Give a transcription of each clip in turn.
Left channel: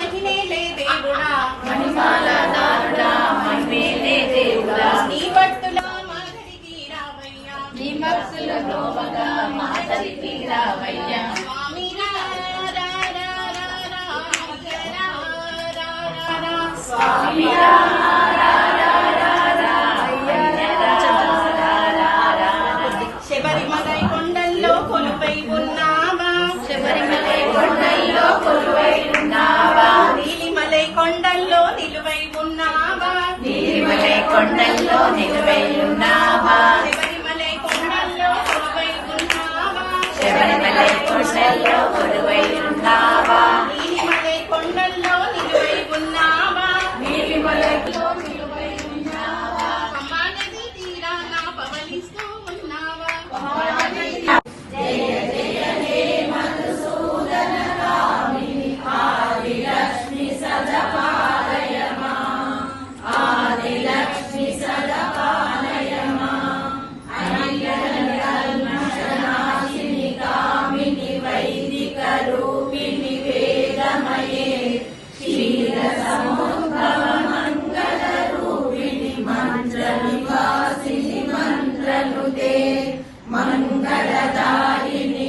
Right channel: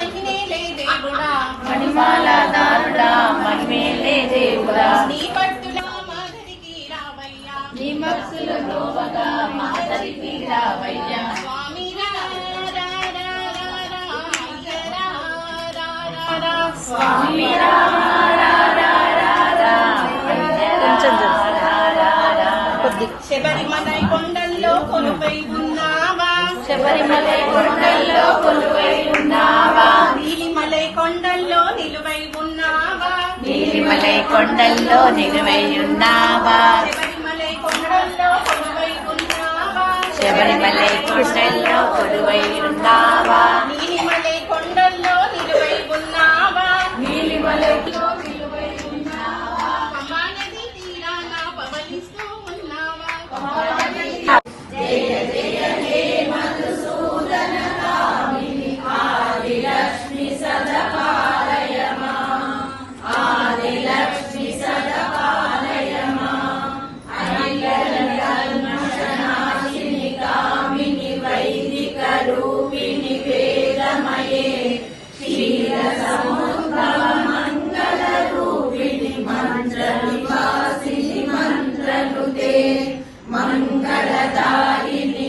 దేవుడా దేవుడా శబరిమలై కొండల్లో కొలుపై ఉన్నావా? శబరిమలై కొండల్లో నిలువై ఉన్నావా కృష్ణల్లో ఉన్నావా నీలిమలై కొండల్లో నిలువై ఉన్నావా నిలువై ఉన్నావా పవనిస్తూ ఉన్నావా? मङ्गलकृवि मन्त्रविभासि मन्त्रकृते मङ्गलता इति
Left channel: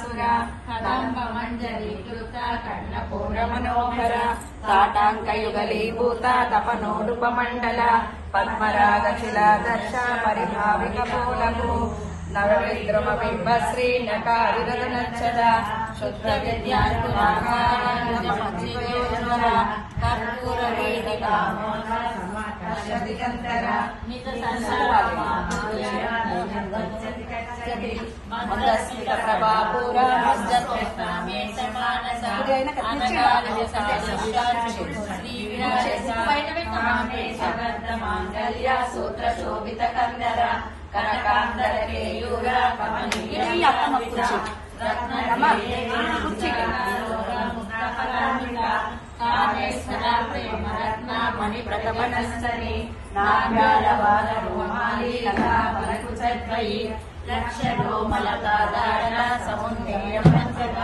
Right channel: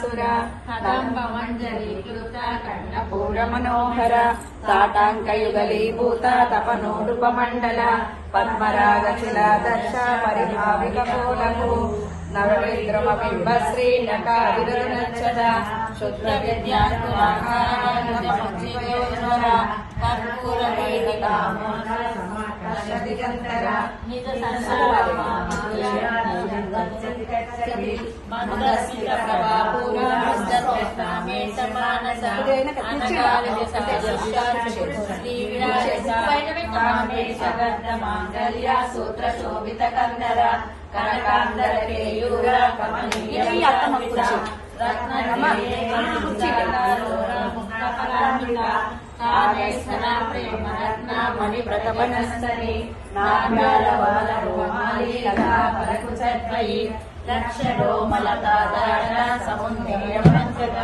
सुरा हतं भवञ्जलीभूता पूर्णमनोहरा ताटाङ्कयुगलीभूता तपनोरुपमण्डला पद्मरागशिला दत्ता परिभावितबोधमो नवविद्रमबिम्बश्रीनकारुरनक्षरा सुप्रविद्यास्तुवाधारणपञ्चयोज्वरा कर्पूरवेदिकामासमकसदिगन्तरा సూత్రశోభిత కన్నర కనకాంగర రత్న మణిప్రతపనశ్చని నాగాయవాద రోమాలి కళా పరకుచర్వయి లక్ష రోమలతాదారణ సముద్రయ పంచద